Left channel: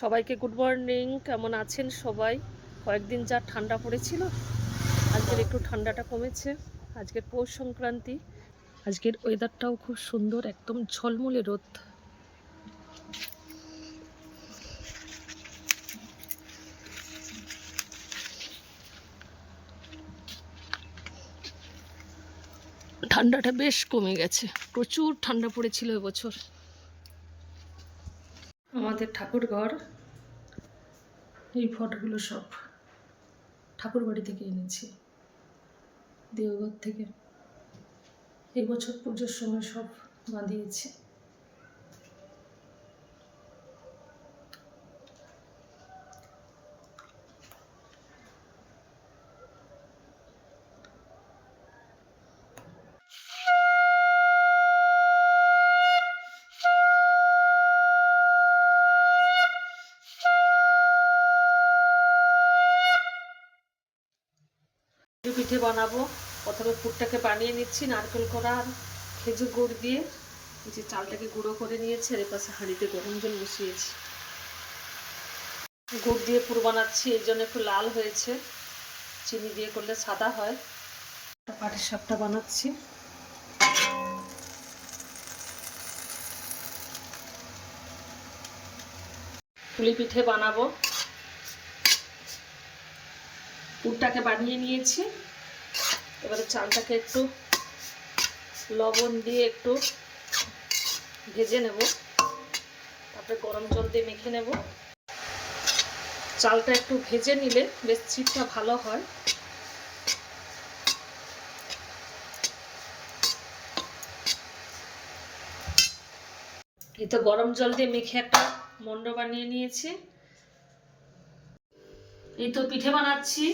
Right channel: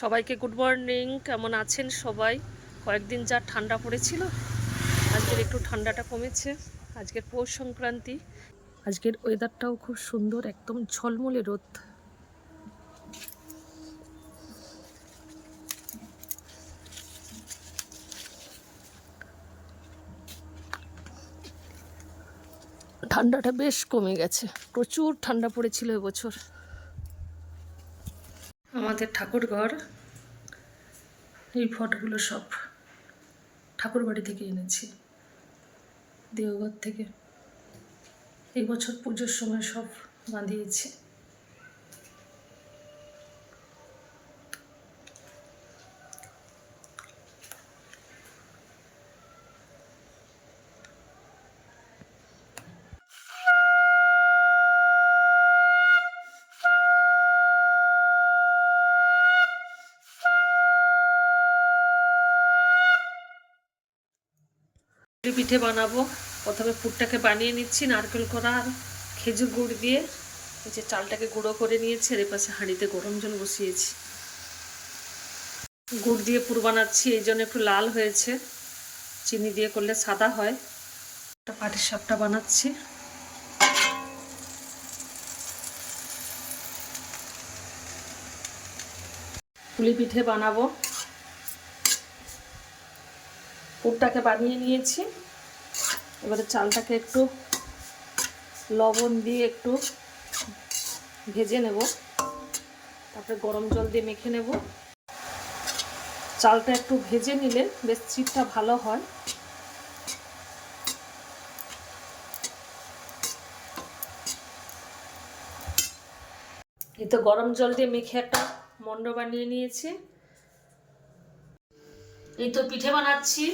সবাইকে good morning. কেমন আছেন সবাই? কয়েকদিন যা ঠান্ডা পড়েছিল, আজকের একটু ঠান্ডাটা কমেছে। আজকের পৌষ সংক্রান্তি, আজকের ওয়েদারটাও খুব সুন্দর, একদম ঝলমলে রোদ। ঠান্ডাটা বেশ কমে গেছে, প্রচুর ঠান্ডা পড়েছিল এবছর। আমাদের ঠাকুর ঘর, এই ফটোগুলো সব ঠাকুর বাড়ি থেকে এনেছি, দেওঘর থেকে। এই বছর পুজোর সময় সব বাঁধিয়েছি। পিঠে বানাবো। প্রথমে পুরটাকে বানিয়ে নিচ্ছি নারকেল করা আর খেজুর গুড় দিয়ে। যে চালটাকে গুঁড়ো করে নিয়েছি, এর পাশে হাঁড়িতে গরম জল বসিয়েছি। গুড় দিয়ে পুর বানাচ্ছি, এই জন্য একটু লাল হয়েছে। চিনি দিয়ে করলে সাদা হয়। পাটির সাপটা বানাচ্ছি। পুলি পিঠে বানাবো। পুরটাকে বানিয়ে নিয়েছি, এবারে চালটাকে একটু লবণ দিয়ে একটু ভেজে নেব, তারপরে গরম জল দিয়ে মেখে নেব। চালটা একটু ভেজে নিলে বেশ চিটটা ভালো হয়। এই তো গরম জল দিয়ে মেখে একটা মন্ড বানিয়ে নিয়েছি। এই তো পিঠে বানাচ্ছি।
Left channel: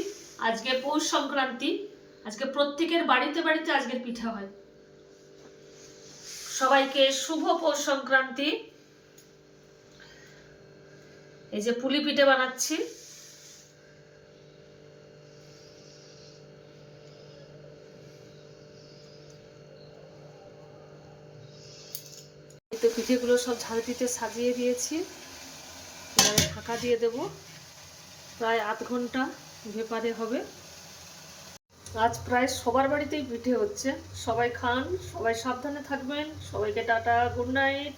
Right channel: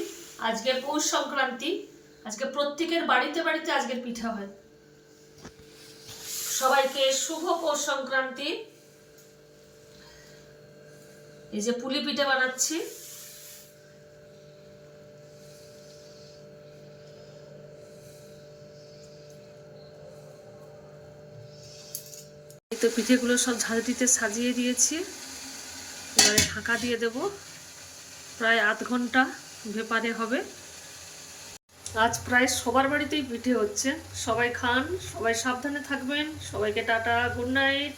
আজকে পৌষ সংক্রান্তি, আজকে প্রত্যেকের বাড়িতে বাড়িতে আজকের পিঠা হয়। সবাইকে শুভ পৌষ সংক্রান্তি। এই যে পুলি পিঠে বানাচ্ছি। এই তো পিঠেগুলো সব ঝাঁঝরিতে সাজিয়ে দিয়েছি, এবারে ঢাকা দিয়ে দেব। প্রায় আধ ঘন্টা ভেপারে হবে। আজ প্রায় সবার বাড়িতেই পিঠে হচ্ছে। সবাই খান, সবাই সাবধানে থাকবেন। সবাইকে টাটা, গুড নাইট।